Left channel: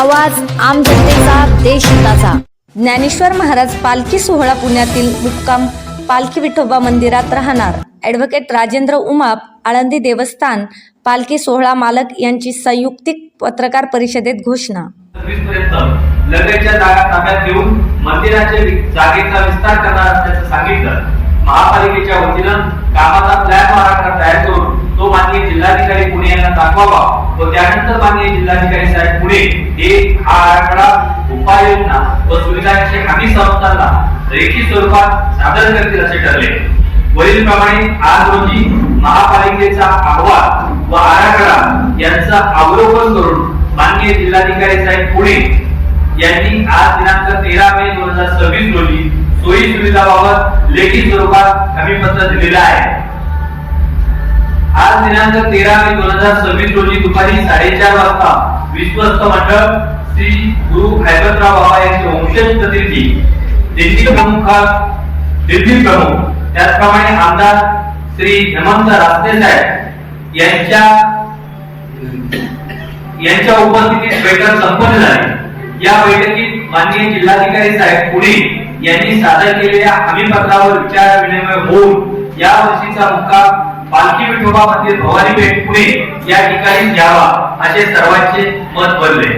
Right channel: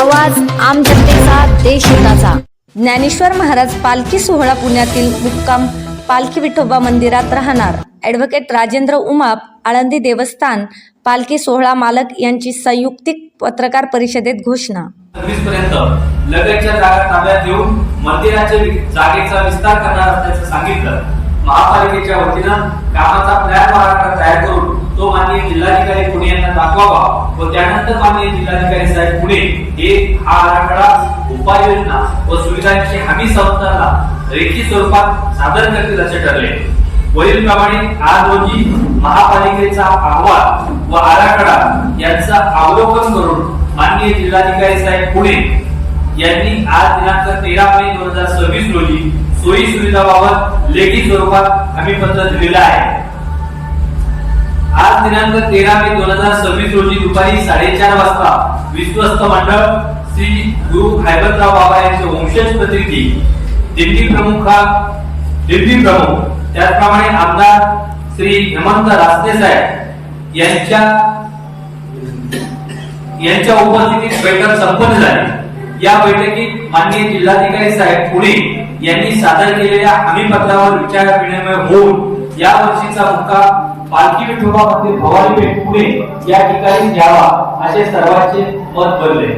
आवाज आम जनतेचा, देशहिताचा। ज्ञानेश्वर महाराज पालखी सोहळा पुण्यातील मुक्काम पालखी विठोबा मंदिरात राहणार। ॲडव्होकेट राजेंद्र उमाप, आळंदी देवस्थान पालखी सोहळा मालक यांची संयुक्तिक पत्रकार परिषदेत घोषणा। 20 पर्यंत लगतच्या जागा ताब्यात घेऊन मंदिराच्या जागेचा विस्तार करणार असल्याचं सांगितलं। महापालिकेच्या वतीनं कामाचा प्लॅन आराखडा तयार करून तो माननीय जिल्हाधिकारी पुणे यांना दाखवावा व त्यानंतर माननीय जिल्हाधिकारी साहेब पुणे हे हा आराखडा उपाययोजना व सुविधांची हमी संस्थांना रेखीत स्वरूपात सादर करतील असे ठरले। वरील प्रमाणे आज रोजी महापालिकेचा अहवाल व आराखडा यांचा अवलोकन करून माननीय जिल्हाधिकारी साहेब पुणे यांनी आज दिनांक 13 मे 2026 रोजी सोयी सुविधाबाबत लेखी स्वरूपात हमीपत्र दिलेलं आहे। आज दिनांक 13 मे 2026 रोजी दुपारी 4:30 वाजता विश्वस्त मंडळ श्री गुरु हैबतराव बाबा यांचे वंशज प्रतिनिधी दिल्ली प्रमुख त्याचप्रमाणे आमदार श्री हेमंत रासने साहेब यांच्या उपस्थितीत बैठक संपन्न झाली। या बैठकीत माननीय जिल्हाधिकारी साहेब पुणे यांनी सादर केलेल्या हमीपत्रावर विचार विनिमय होऊन या वर्षीचा मुक्काम पालखी विठोबा मंदिर भवानी पेठ पुणे या ठिकाणी घ्यावा असे सर्वांचे मत बनले।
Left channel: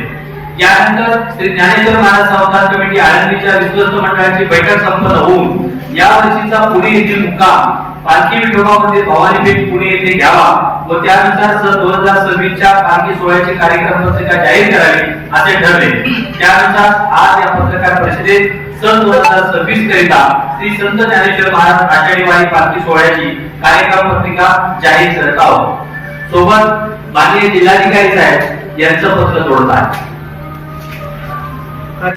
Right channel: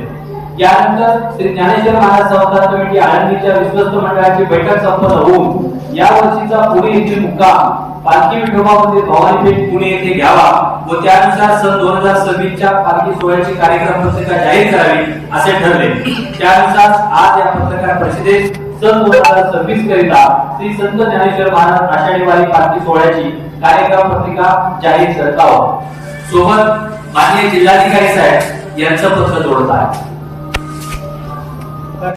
यानंतर श्री ज्ञानेश्वर महाराज संस्थान कमिटी आळंदीच्या विश्वस्त मंडळाची बैठक संपन्न होऊन या वर्षीचा पुणे येथील मुक्काम पालखी विठोबा मंदिर भवानी पेठ पुणे येथे घ्यावा व त्यानुसार सन 2026 च्या पालखी सोहळ्याची कार्यक्रम पत्रिका जाहीर करावी असे ठरले। त्यानुसार आज या पत्रकार परिषदेत सन 2026 करिता श्री संत ज्ञानेश्वर महाराज आषाढी वारी पालखी सोहळ्याची कार्यक्रम पत्रिका जाहीर करत आहोत। सोबत माननीय जिल्हाधिकारी साहेब यांचं पत्र जोडत आहे।